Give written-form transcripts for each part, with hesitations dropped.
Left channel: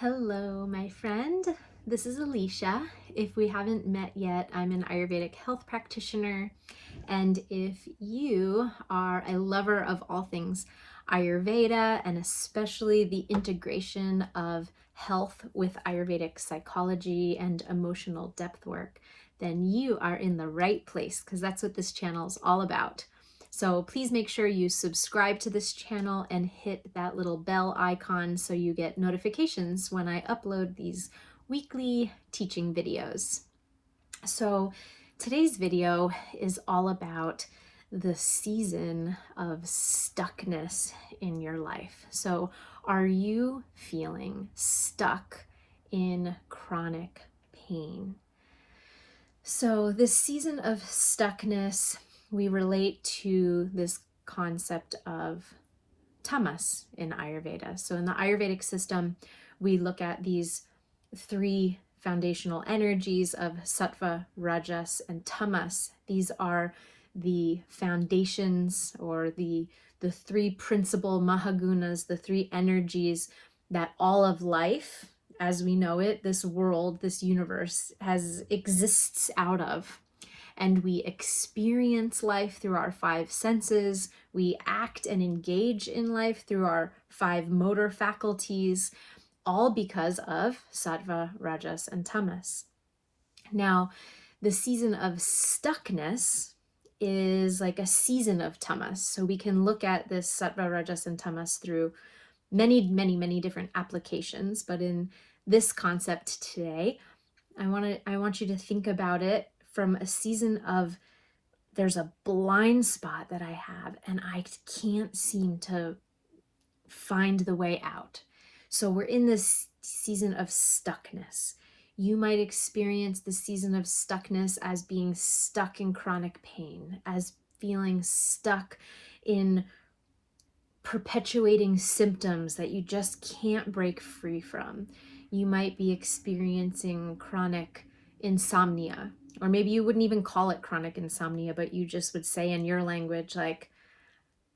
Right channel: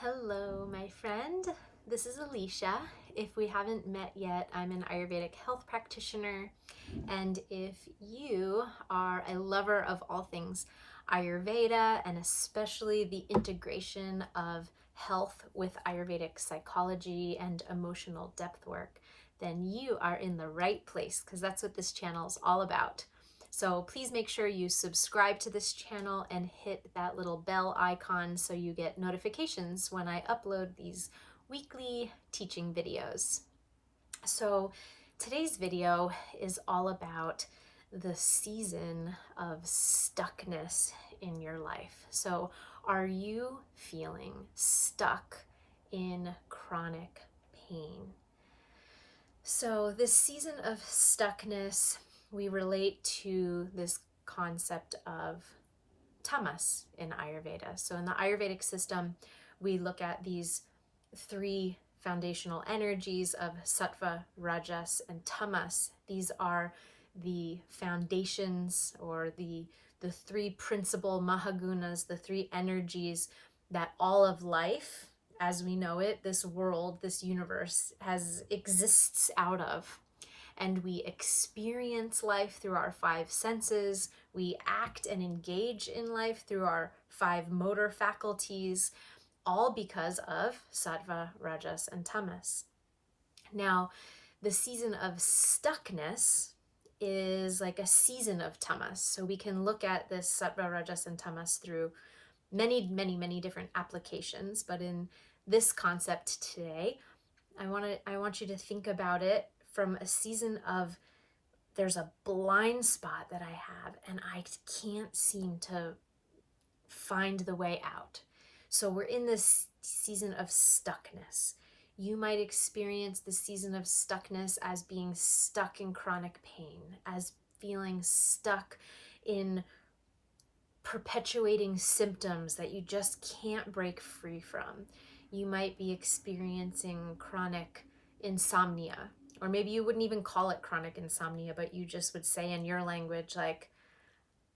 Hello, my friend. This is Alicia. If we haven't met yet, I'm an Ayurvedic health practitioner. And if you are a lover of all things Ayurveda, and especially the integration of health with Ayurvedic psychology and emotional depth work, then you are in the right place because that's what this channel is all about. So please make sure you subscribe to this channel and hit that little bell icon so you get notifications when I upload these weekly teaching videos. So today's video is all about the season of stuckness in your life. So are you feeling stuck in chronic pain? So this season of stuckness, we relate to this concept of tamas in Ayurveda. So in the Ayurvedic system, we look at these three foundational energies of sattva, rajas, and tamas. These are the foundations, or the three principal mahagunas, the three energies that all of life, as we know it, this world, this universe, exists out of. And we experience life through our five senses. We act and engage in life through our five motor faculties, all because of sattva, rajas, and tamas. Now, the season of stuckness is like a season of tamas. So we can look at this sattva, rajas, and tamas through many, many, many different applications. But in this concept today, I want you to think about it from a season of, there's a blind spot that I have and I can't seem to find the way out. So we're in this season of stuckness. You might experience the season of stuckness as being stuck in chronic pain, as feeling stuck in perpetuating symptoms that you just can't break free from. You might be experiencing chronic insomnia, or maybe you wouldn't even call it chronic insomnia, but you just would say in your language, like,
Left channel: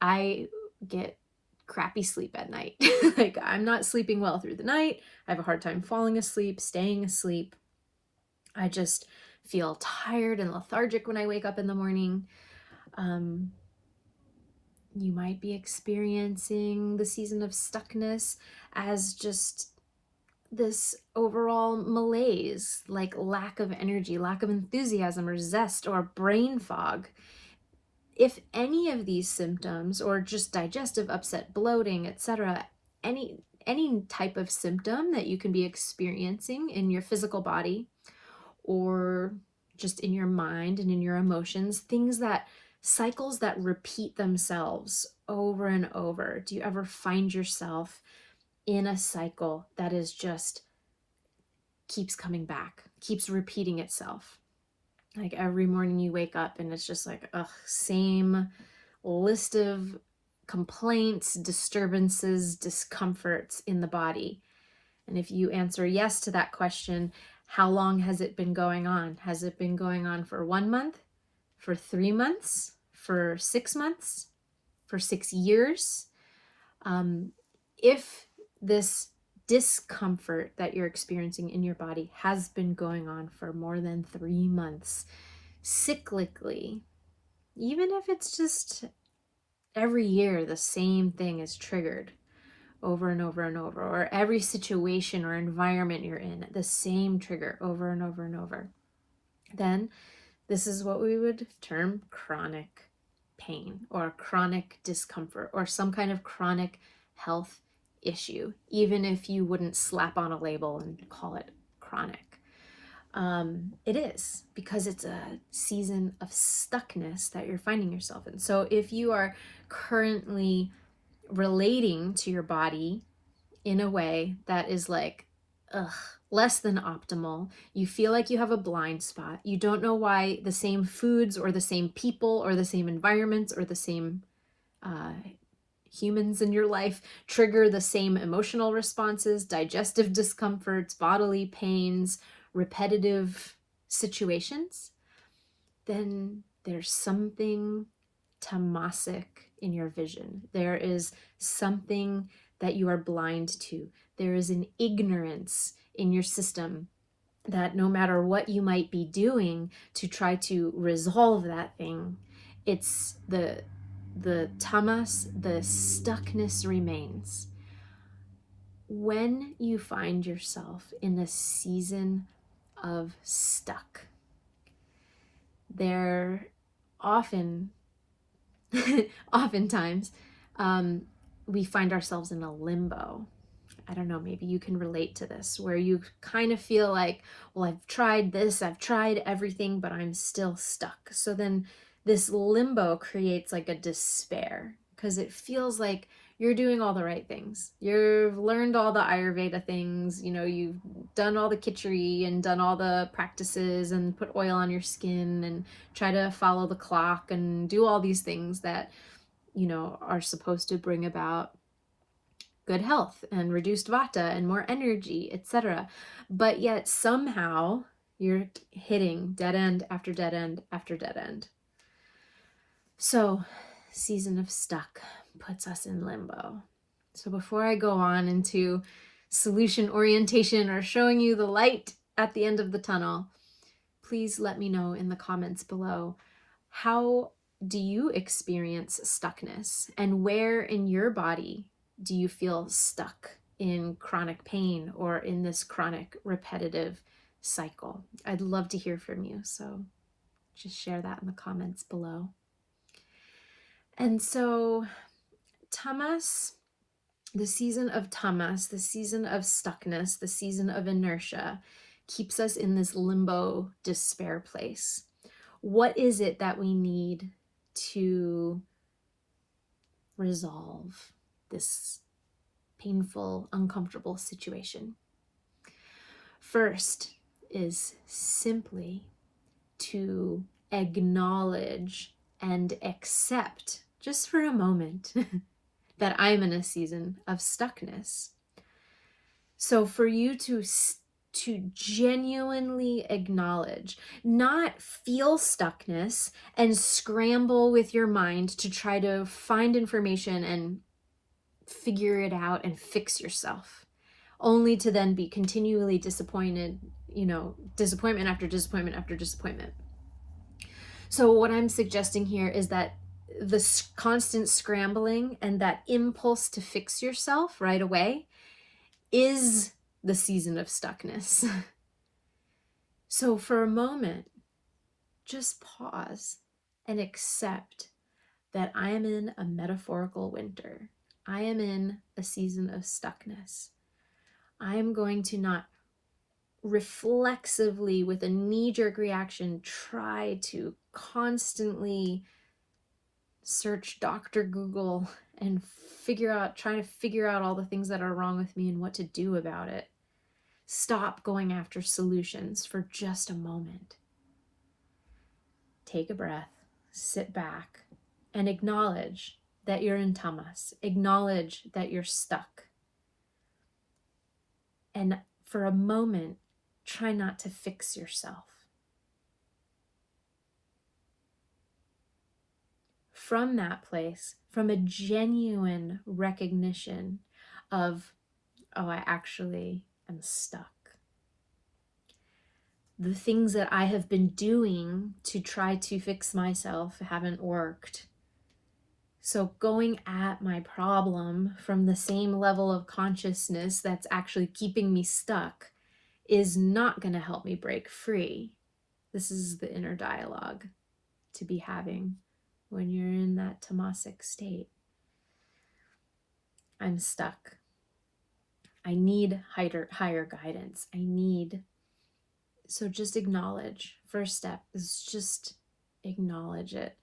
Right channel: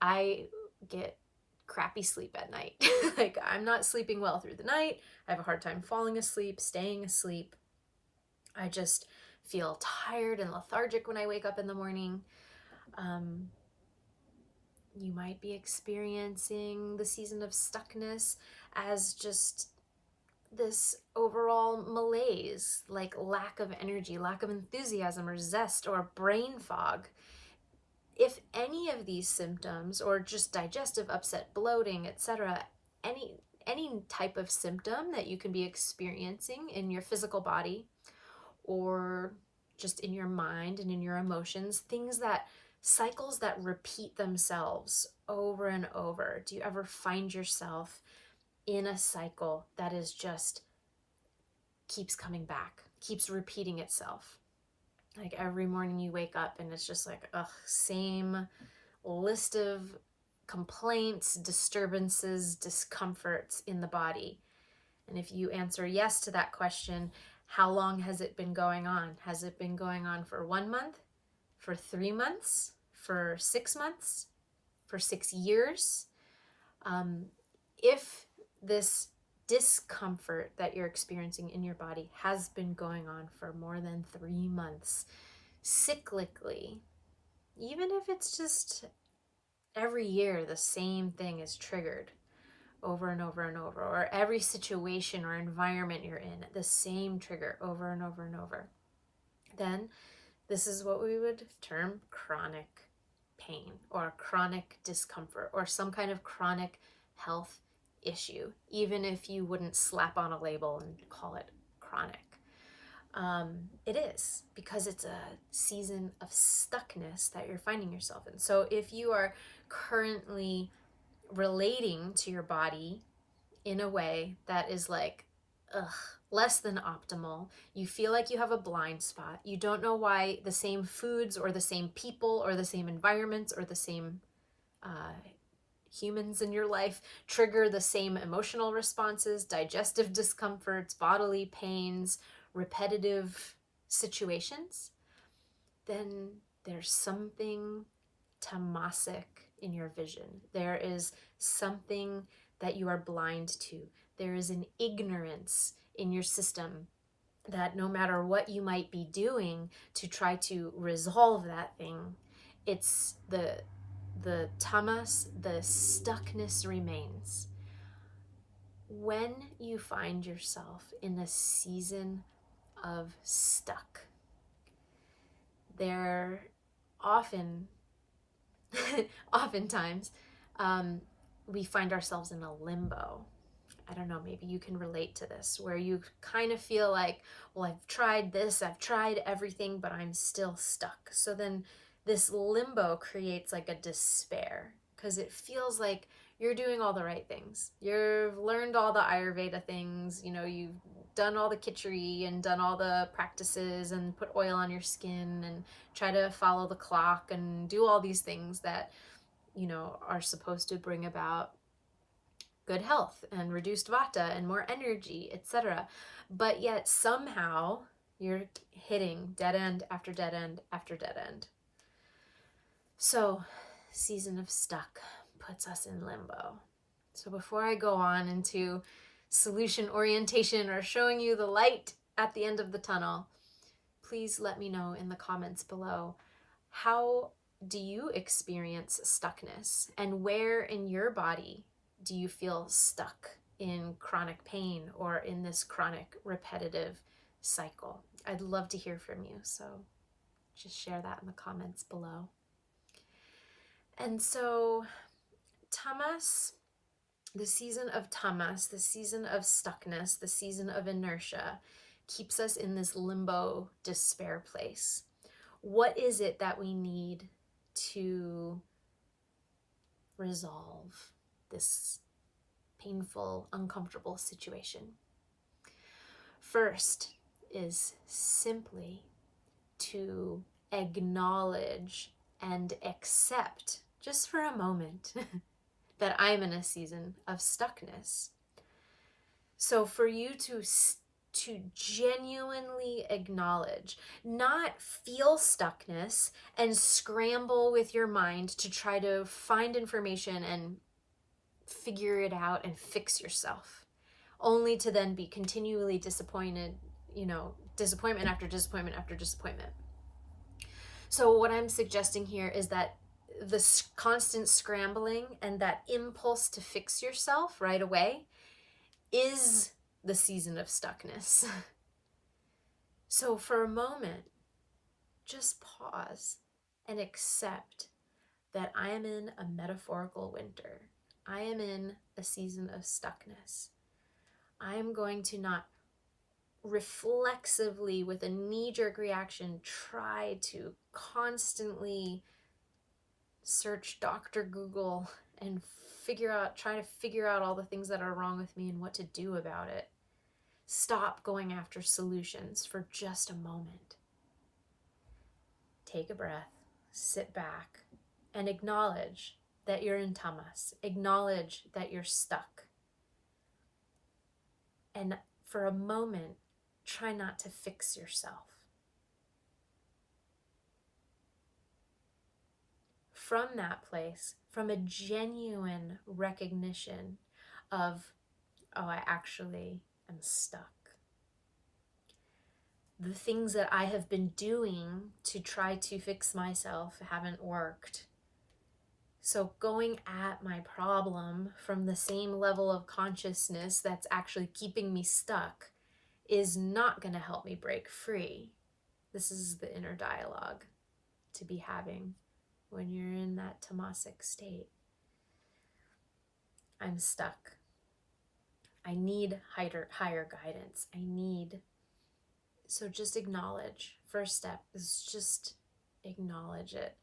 I get crappy sleep at night. Like, I'm not sleeping well through the night. I have a hard time falling asleep, staying asleep. I just feel tired and lethargic when I wake up in the morning. You might be experiencing the season of stuckness as just this overall malaise, like lack of energy, lack of enthusiasm or zest or brain fog. If any of these symptoms, or just digestive upset, bloating, etc., any type of symptom that you can be experiencing in your physical body or just in your mind and in your emotions, cycles that repeat themselves over and over. Do you ever find yourself in a cycle that is just keeps coming back, keeps repeating itself? Like every morning you wake up and it's just like, same list of complaints, disturbances, discomforts in the body. And if you answer yes to that question, how long has it been going on? Has it been going on for 1 month, for 3 months, for 6 months, for 6 years? If this discomfort that you're experiencing in your body has been going on for more than 3 months, cyclically, even if it's just every year the same thing is triggered over and over and over, or every situation or environment you're in, the same trigger over and over and over, then this is what we would term chronic pain or chronic discomfort or some kind of chronic health issue, even if you wouldn't slap on a label and call it chronic. It is, because it's a season of stuckness that you're finding yourself in. So if you are currently relating to your body in a way that is like, less than optimal, you feel like you have a blind spot, you don't know why the same foods or the same people or the same environments or the same humans in your life trigger the same emotional responses, digestive discomforts, bodily pains, repetitive situations, then there's something tamasic in your vision. There is something that you are blind to. There is an ignorance in your system that no matter what you might be doing to try to resolve that thing, it's the tamas, the stuckness remains. When you find yourself in a season of stuck, there oftentimes we find ourselves in a limbo. I don't know, maybe you can relate to this, where you kind of feel like, well, I've tried this, I've tried everything, but I'm still stuck. So then this limbo creates like a despair, because it feels like you're doing all the right things. You've learned all the Ayurveda things, you've done all the khichdi and done all the practices and put oil on your skin and try to follow the clock and do all these things that, are supposed to bring about good health and reduced vata and more energy, etc. But yet somehow you're hitting dead end after dead end after dead end. So, season of stuck puts us in limbo. So before I go on into solution orientation or showing you the light at the end of the tunnel, please let me know in the comments below, how do you experience stuckness, and where in your body do you feel stuck in chronic pain or in this chronic repetitive cycle? I'd love to hear from you, so just share that in the comments below. And so tamas, the season of tamas, the season of stuckness, the season of inertia, keeps us in this limbo despair place. What is it that we need to resolve this painful, uncomfortable situation? First is simply to acknowledge and accept, just for a moment, that I'm in a season of stuckness. So for you to genuinely acknowledge, not feel stuckness and scramble with your mind to try to find information and figure it out and fix yourself, only to then be continually disappointed, disappointment after disappointment after disappointment. So what I'm suggesting here is that the constant scrambling and that impulse to fix yourself right away is the season of stuckness. So for a moment, just pause and accept that I am in a metaphorical winter. I am in a season of stuckness. I am going to not reflexively, with a knee-jerk reaction, try to constantly search Dr. Google and try to figure out all the things that are wrong with me and what to do about it. Stop going after solutions for just a moment. Take a breath, sit back, and acknowledge that you're in tamas. Acknowledge that you're stuck. And for a moment, try not to fix yourself. From that place, from a genuine recognition of, oh, I actually am stuck. The things that I have been doing to try to fix myself haven't worked. So going at my problem from the same level of consciousness that's actually keeping me stuck is not going to help me break free. This is the inner dialogue to be having when you're in that tamasic state. I'm stuck. I need higher guidance. So just acknowledge. First step is just acknowledge it.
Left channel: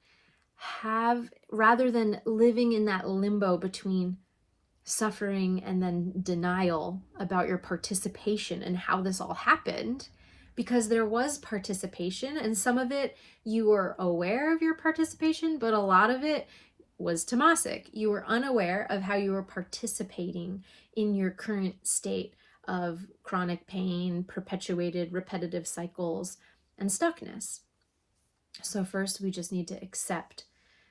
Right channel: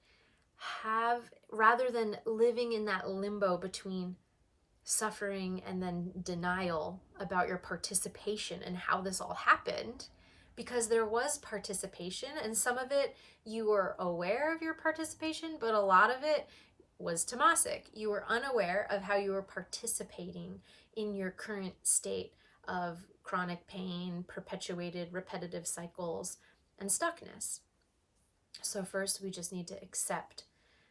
Rather than living in that limbo between suffering and then denial about your participation and how this all happened, because there was participation, and some of it you were aware of your participation, but a lot of it was tamasic. You were unaware of how you were participating in your current state of chronic pain, perpetuated repetitive cycles, and stuckness. So first, we just need to accept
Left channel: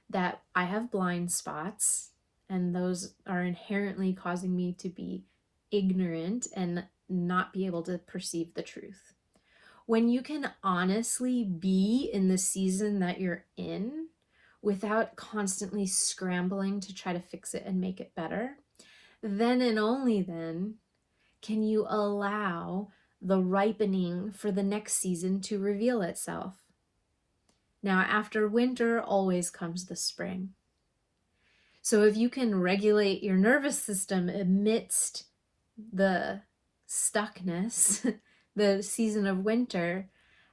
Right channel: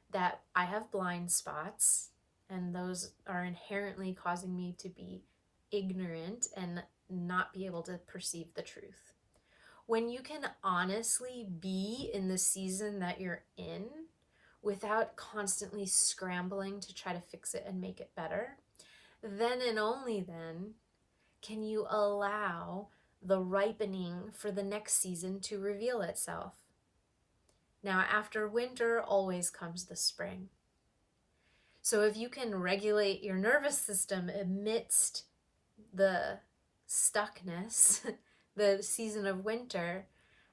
that I have blind spots and those are inherently causing me to be ignorant and not be able to perceive the truth. When you can honestly be in the season that you're in without constantly scrambling to try to fix it and make it better, then and only then can you allow the ripening for the next season to reveal itself. Now, after winter always comes the spring. So if you can regulate your nervous system amidst the stuckness, the season of winter,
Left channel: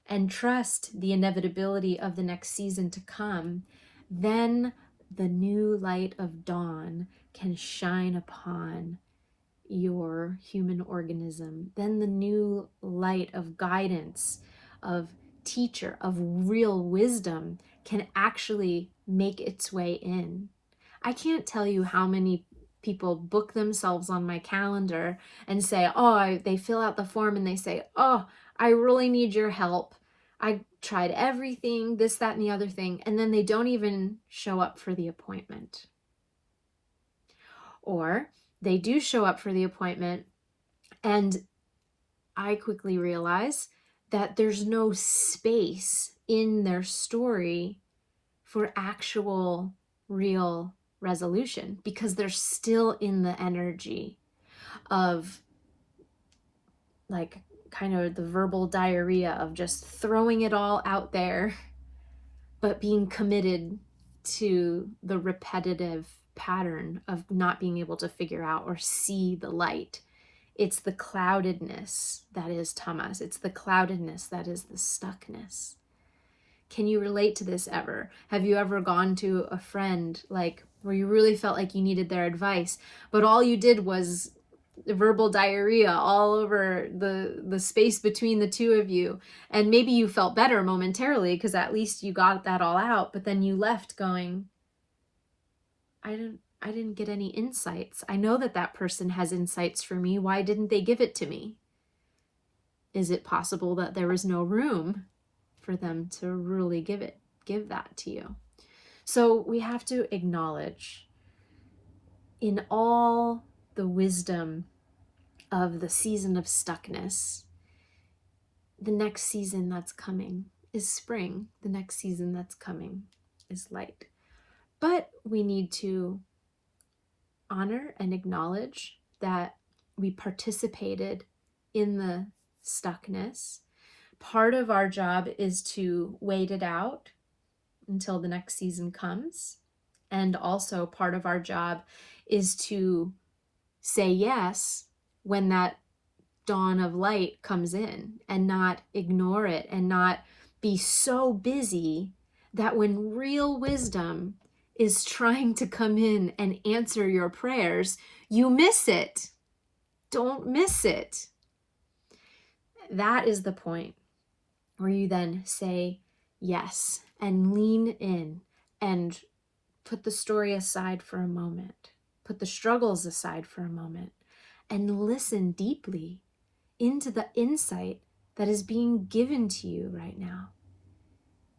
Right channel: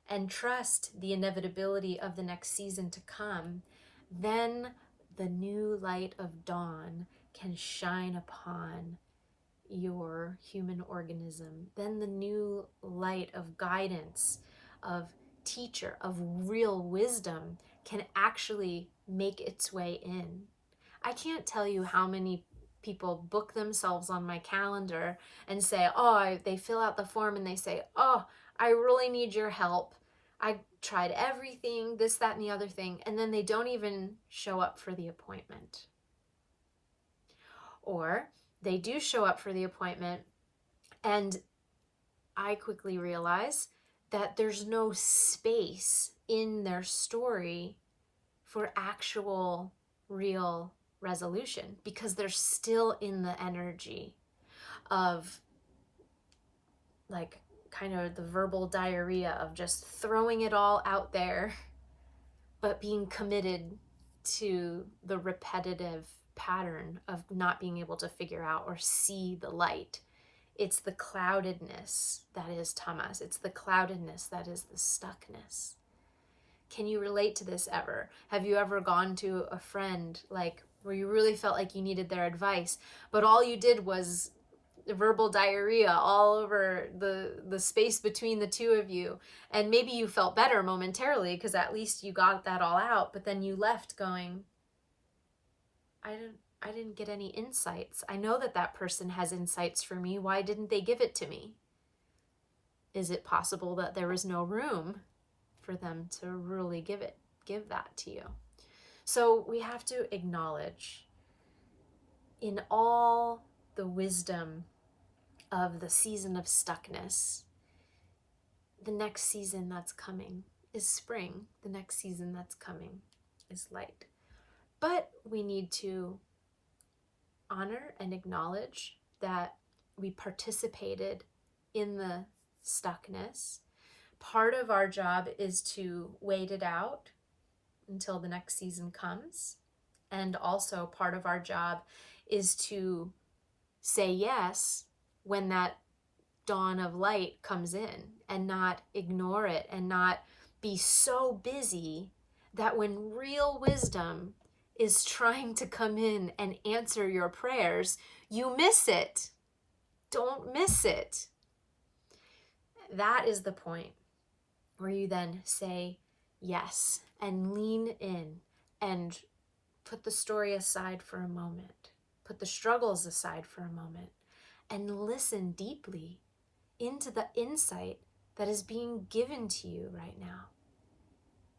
and trust the inevitability of the next season to come, then the new light of dawn can shine upon your human organism. Then the new light of guidance, of teacher, of real wisdom can actually make its way in. I can't tell you how many people book themselves on my calendar and say, they fill out the form and they say, I really need your help. I tried everything, this, that, and the other thing, and then they don't even show up for the appointment. Or they do show up for the appointment, and I quickly realize that there's no space in their story for actual, real resolution because they're still in the energy of like kind of the verbal diarrhea of just throwing it all out there, but being committed to the repetitive pattern of not being able to figure out or see the light. It's the cloudedness that is tamas. It's the cloudedness that is the stuckness. Can you relate to this ever? Have you ever gone to a friend like where you really felt like you needed their advice, but all you did was verbal diarrhea all over the space between the two of you, and maybe you felt better momentarily because at least you got that all out, but then you left going, I didn't get any insights. I know that person has insights for me. Why didn't they give it to me? Is it possible that there was no room for them to really give that to you? So we have to acknowledge in all the wisdom of the season of stuckness, the next season that's coming is spring. The next season that's coming is light. But we need to honor and acknowledge that we participated in the stuckness. Part of our job is to wait it out until the next season comes. And also part of our job is to say yes when that dawn of light comes in and not ignore it and not be so busy that when real wisdom is trying to come in and answer your prayers, you miss it. Don't miss it. That is the point where you then say yes and lean in and put the story aside for a moment, put the struggles aside for a moment, and listen deeply into the insight that is being given to you right now.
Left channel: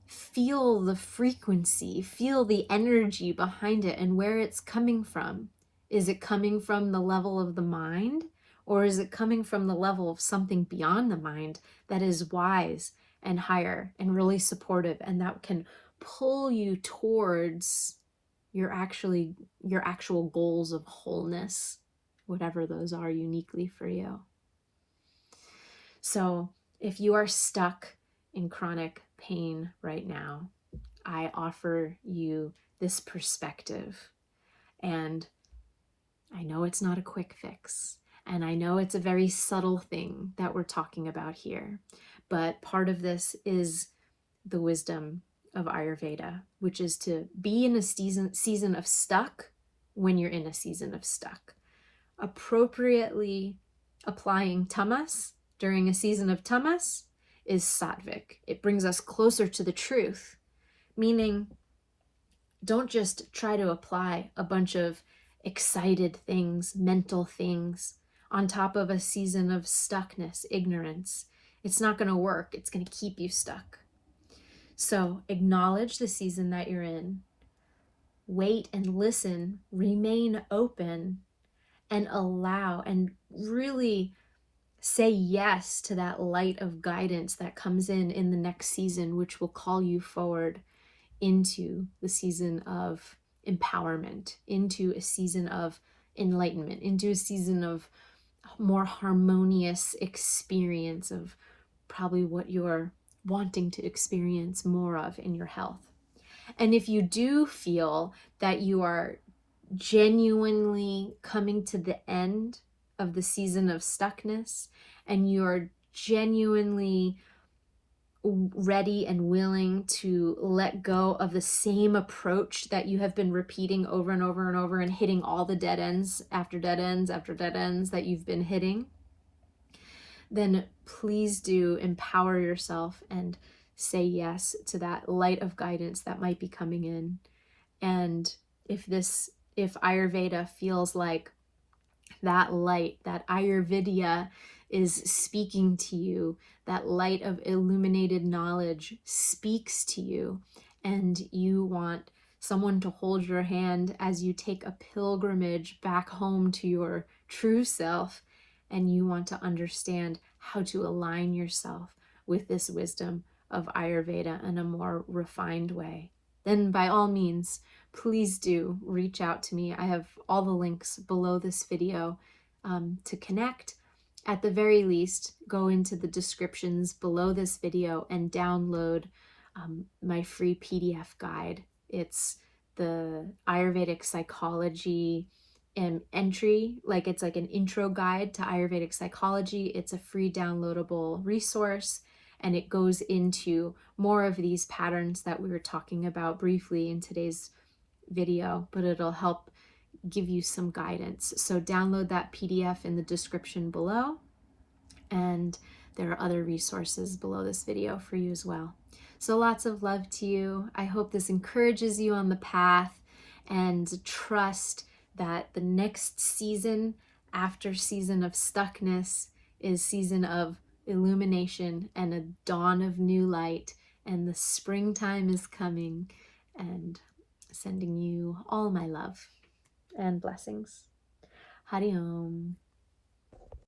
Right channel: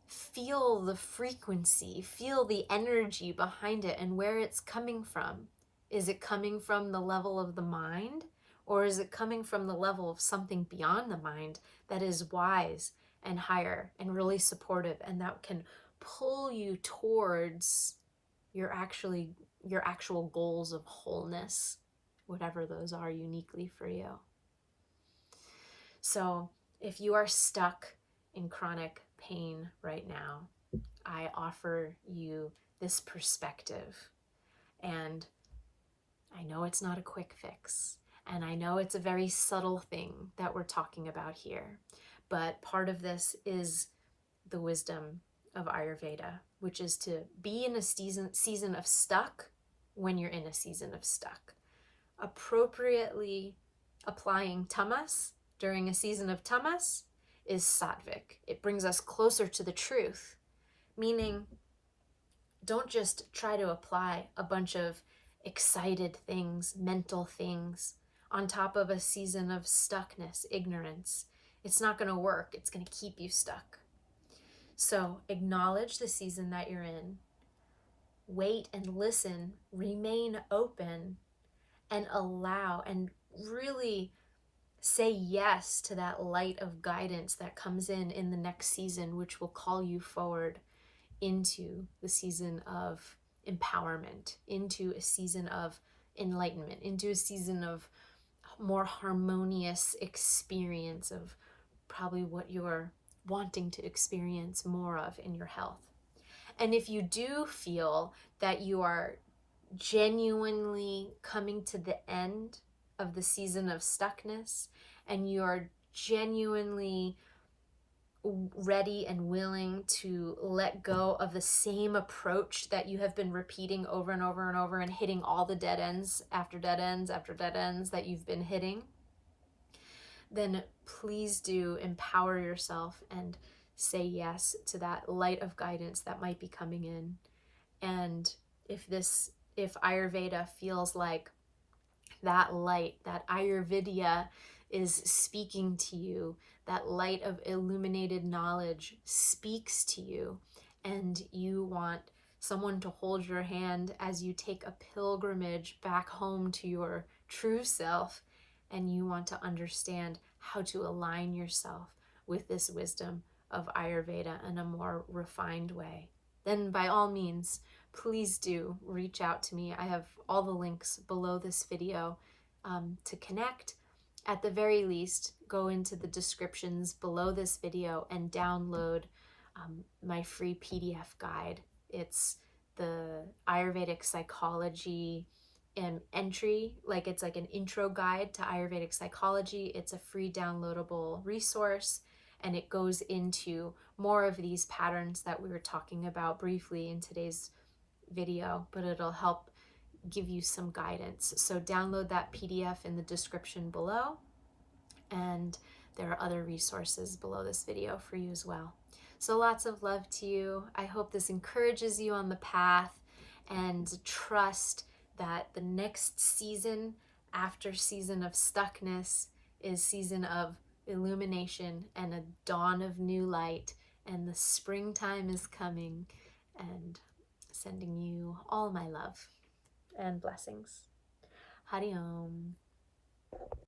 Feel the frequency, feel the energy behind it and where it's coming from. Is it coming from the level of the mind, or is it coming from the level of something beyond the mind that is wise and higher and really supportive and that can pull you towards your actual goals of wholeness, whatever those are uniquely for you? So if you are stuck in chronic pain right now, I offer you this perspective. And I know it's not a quick fix, and I know it's a very subtle thing that we're talking about here, but part of this is the wisdom of Ayurveda, which is to be in a season of stuck when you're in a season of stuck. Appropriately applying tamas during a season of tamas is sattvic. It brings us closer to the truth, meaning don't just try to apply a bunch of excited things, mental things, on top of a season of stuckness, ignorance. It's not going to work. It's going to keep you stuck. So acknowledge the season that you're in. wait and listen, remain open, and allow and really say yes to that light of guidance that comes in the next season, which will call you forward into the season of empowerment, into a season of enlightenment, into a season of more harmonious experience of probably what you're wanting to experience more of in your health. And if you do feel that you are genuinely coming to the end of the season of stuckness, and you're genuinely ready and willing to let go of the same approach that you have been repeating over and over and over and hitting all the dead ends after dead ends after dead ends that you've been hitting, then please do empower yourself and say yes to that light of guidance that might be coming in. And if Ayurveda feels like that light, that Ayurveda is speaking to you, that light of illuminated knowledge speaks to you, and you want someone to hold your hand as you take a pilgrimage back home to your true self, and you want to understand how to align yourself with this wisdom of Ayurveda in a more refined way, then by all means, please do reach out to me. I have all the links below this video to connect. At the very least, go into the descriptions below this video and download my free PDF guide. It's the Ayurvedic Psychology entry, it's like an intro guide to Ayurvedic Psychology. It's a free downloadable resource, and it goes into more of these patterns that we were talking about briefly in today's video, but it'll help give you some guidance. So download that PDF in the description below, and there are other resources below this video for you as well. So lots of love to you. I hope this encourages you on the path, and trust that the next season, after season of stuckness, is season of illumination and a dawn of new light, and the springtime is coming, and sending you all my love and blessings. Hari Om.